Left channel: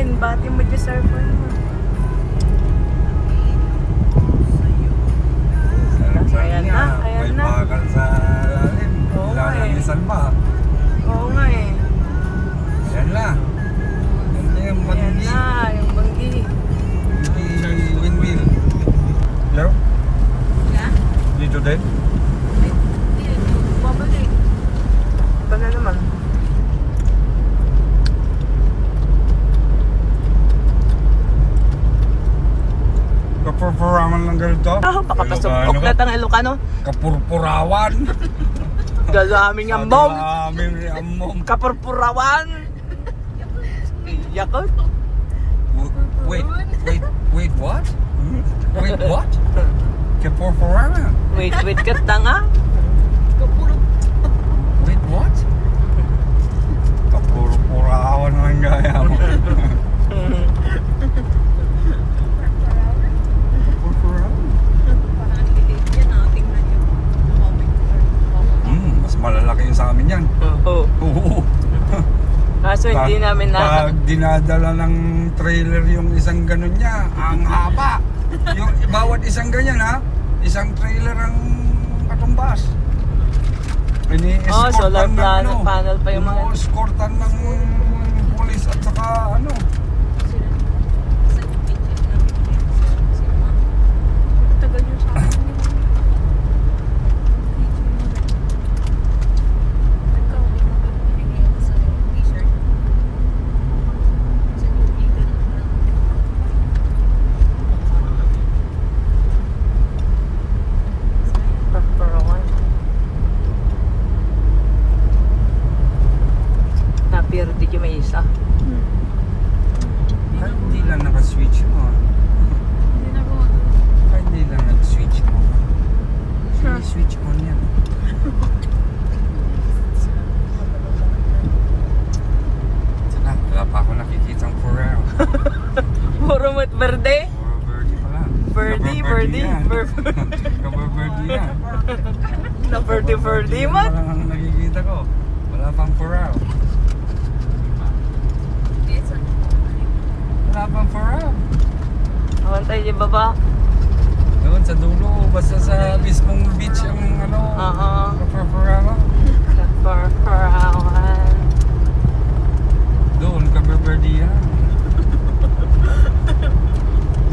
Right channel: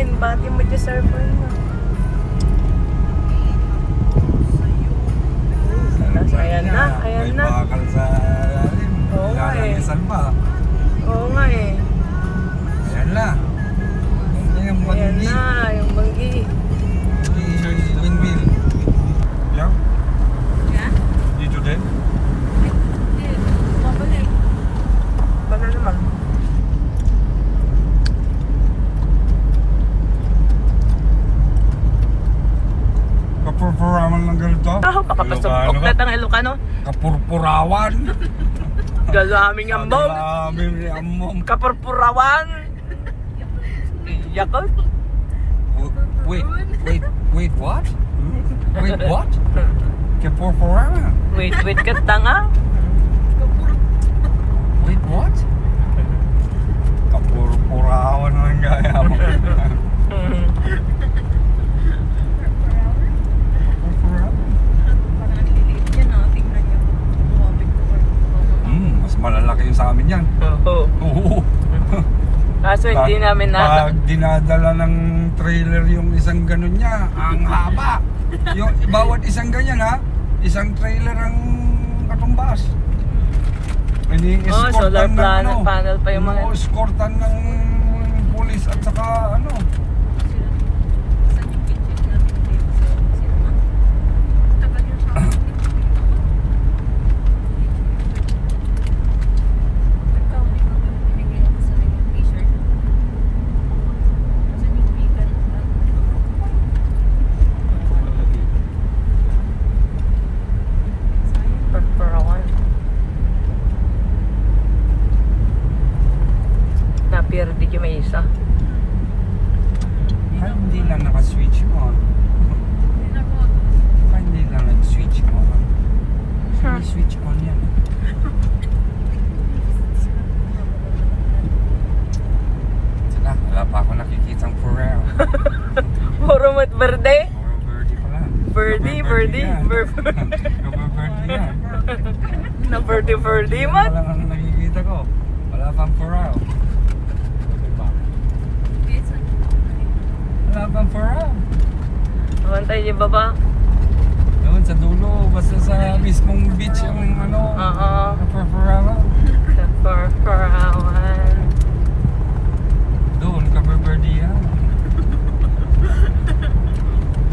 Bati mo dyan surfer mo. Ayan na, ayan na. May bakal sa lalim. Oo nga eh. Lalisan ba? Oo nga eh. Ayan na. Yan yung Ayan banggi. na, yung banggi. Windmill. Hello? Yeah? Dito din? Babalik. Ba na naman? Kapurpurawan ng ganito? Pakapasok na ang Ilocano. Kapurpurawan. Galaming ambom. Galaming ambom. Kapurpurawan. Yakot. Wait, what? Wait, what? Kapurpurawan. Wait ka tanga. Wait, what? Kapurpurawan ng gaya mo. Mas malalaki yung sa amin yan. Oo. Oo. Kaso hindi namin Pag dinadala ng trailer yung isang ganun niya, ang haba. Yung bawat isang ganyan ha, isang trailer ang katumbas. solar panel pa yung mga... Escortan ng pulis at saka ano. Pero di may isa. Hindi lang naka-switch mo. Hindi lang nag-switch mo. Switch on yan. Wala pa ako nakikitang Ferrero. Puro mat verde. Puro birdie pala. Birdie. Birdie yan. Na birdie man. Wala nang nakikita ko. Wala pang Ferrero. Wala pang Ferrero. Awantay niyo baba. Doon sa dulo, basta sa mismong beach yung ano. Oo. Ferrero. Purawan. Doon, birdie yan.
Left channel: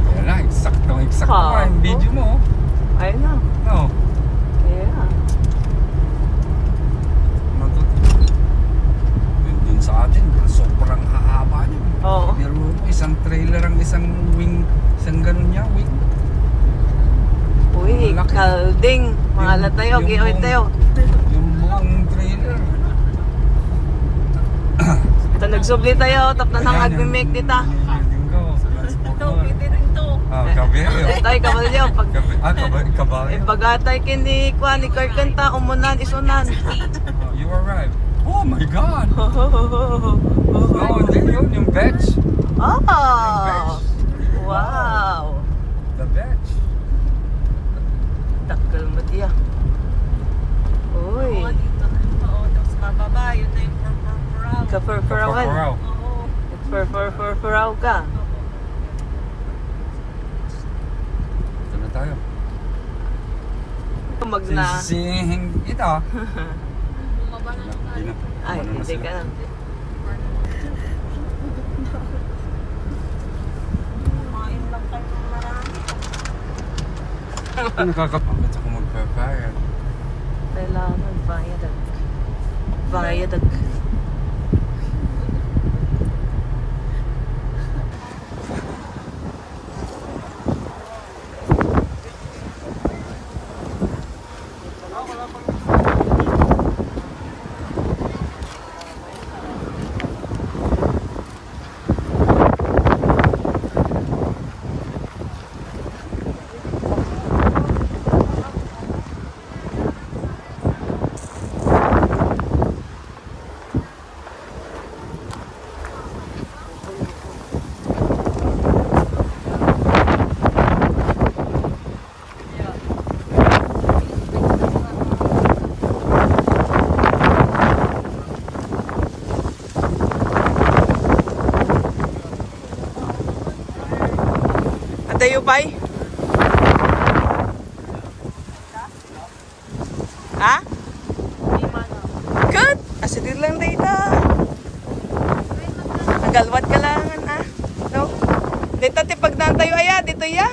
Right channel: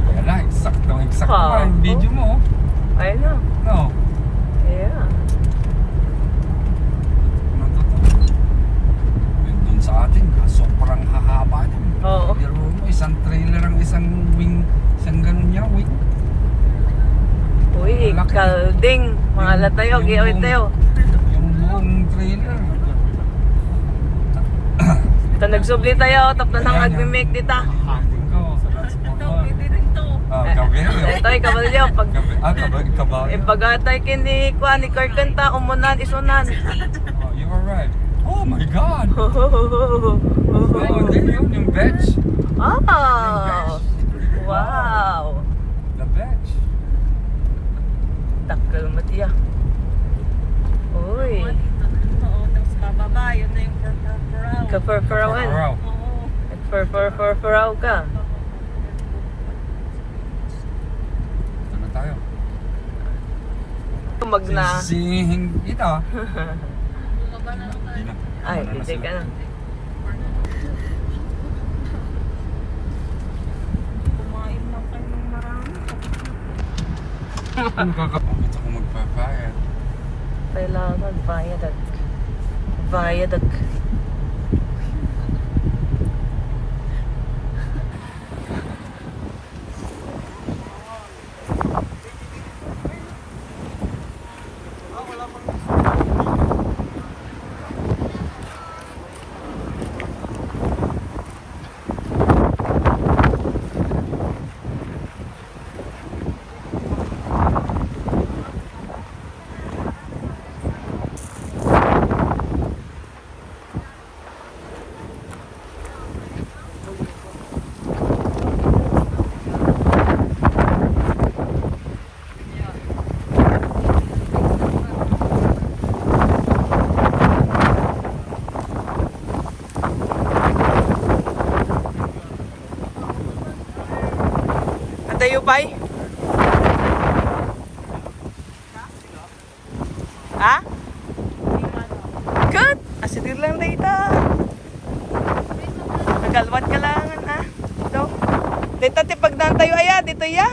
Kaya lang, eksakto nga yung video mo. Ayun na. No. Yeah. Doon sa atin, sobrang hahaba din. Oo. Pero isang trailer ang isang wing, isang ganun niya, wing. Uy, Malaki. kalding. Mahala tayo, giyoy tayo. Yung buong trailer. Ito nagsubli tayo, tap na nang agmimake dita. Tay kabalyo pag ibagatay kini kuan ni karkanta umunan isunan. You were right. Oh my God! Oh, yun yung batch. Ah! Wow! The batch. Takal mo tiya. Uy, ka-fur-furawan. Nag-fur-furaw ka. Tuloy tayo. Magna. Sising ito. Ay, hindi ka na. Nakakapagod ako magpapayad. Kailangan bayadag. Bayadag. tayo, Pai? Ha? Good. Asidir lang dito. Nagalwat ka lang, ha? No? Dito, pagdaan tayo, aya. Dito, ya.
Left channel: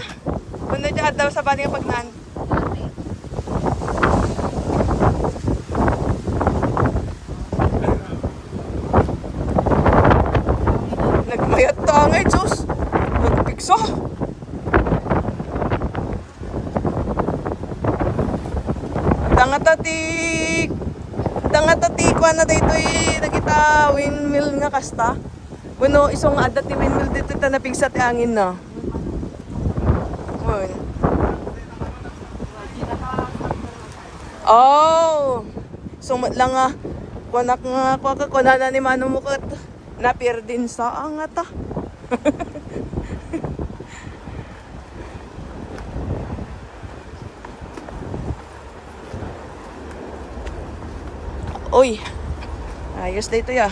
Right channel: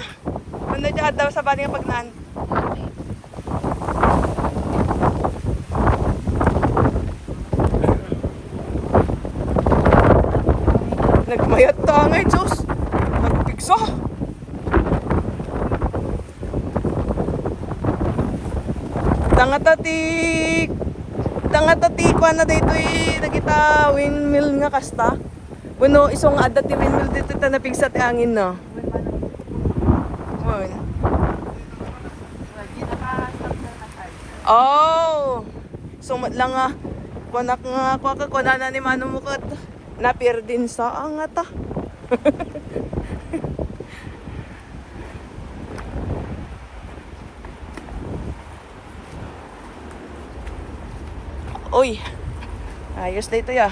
Muna dyan daw sa bani nga pagdaan. Nagmayat ta nga, Diyos. Magpigsa. Tanga-tatik ko na dito nakita windmill nga kasta. Bueno, isong adat ti windmill dito na napigsa ti angin na. Oh. Sumat lang nga. Kuanak nga kuana na ni Mano Mukot. Napir din sa angata. Uy, ayos dito ya.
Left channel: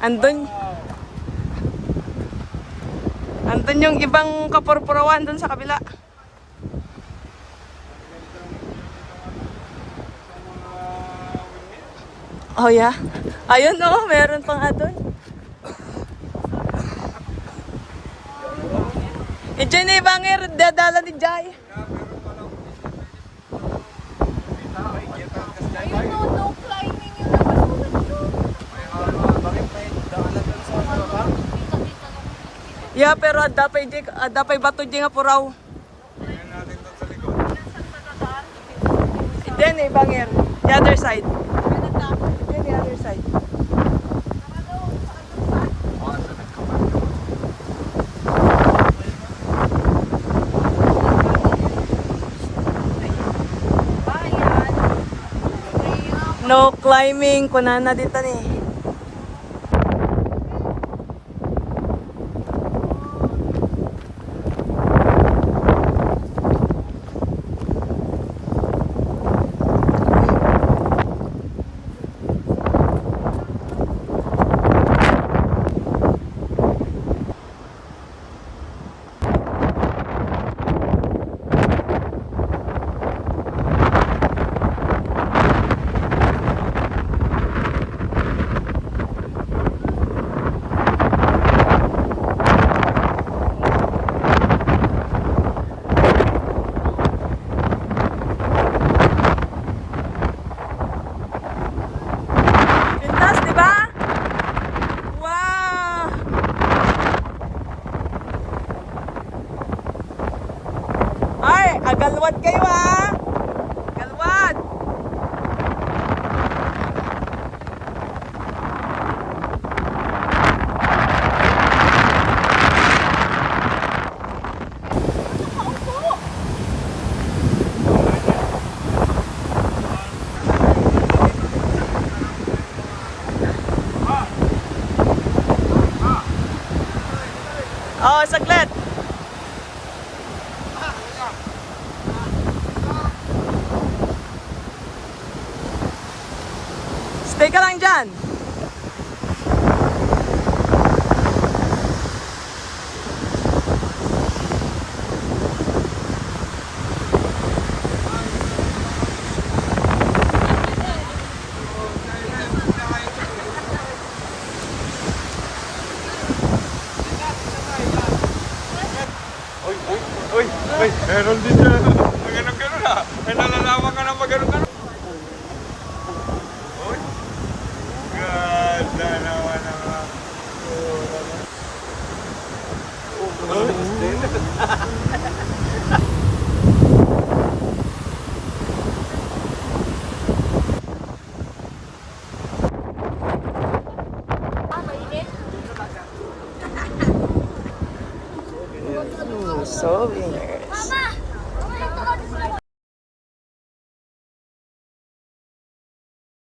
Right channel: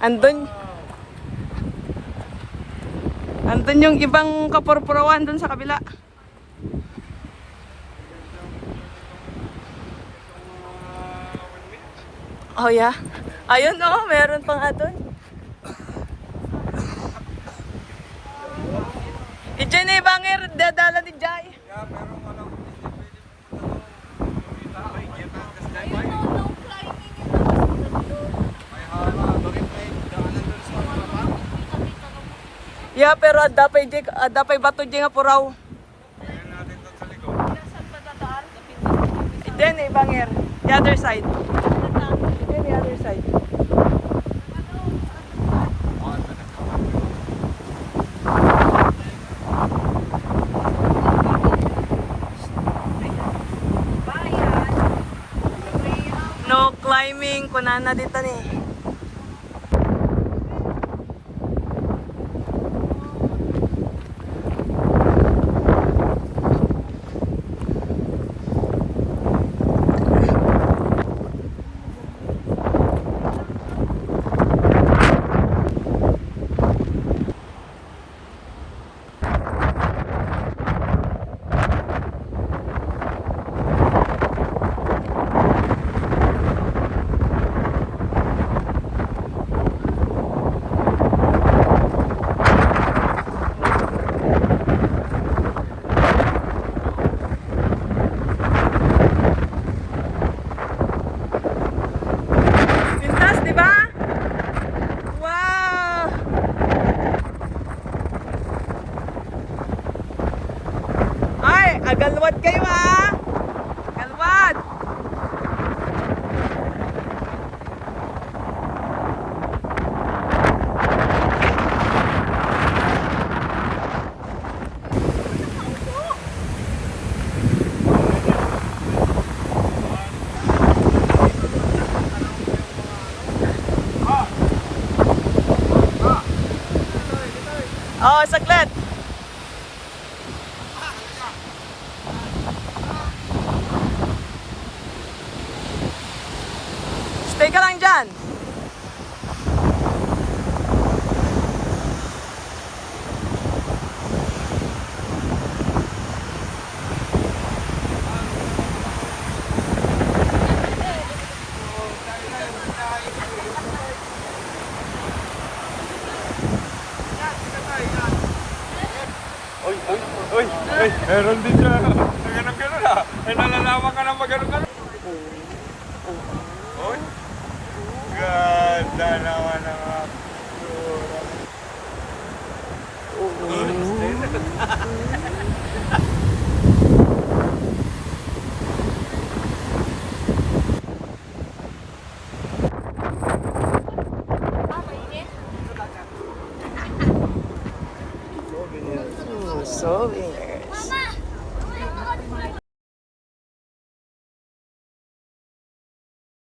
Andun yung ibang kapurpurawan dun sa kabila. Oh yeah. Ayun oh, meron pang adun. Diyan na ibangir, dadala ni Jai. Yeah, pero adapay bato di nga puraw. Then ibangir, the other side. Then the other side. No climbing, kunana dito ni. Galwad kayo ha! Galwad! Oh, saglit! Stay ka lang dyan. Meron din siya. Ganun-ganun ah. Ay, nalalaman ka na mag-ganun-ganun. Ganda naman ang tura mo. Souvenirs.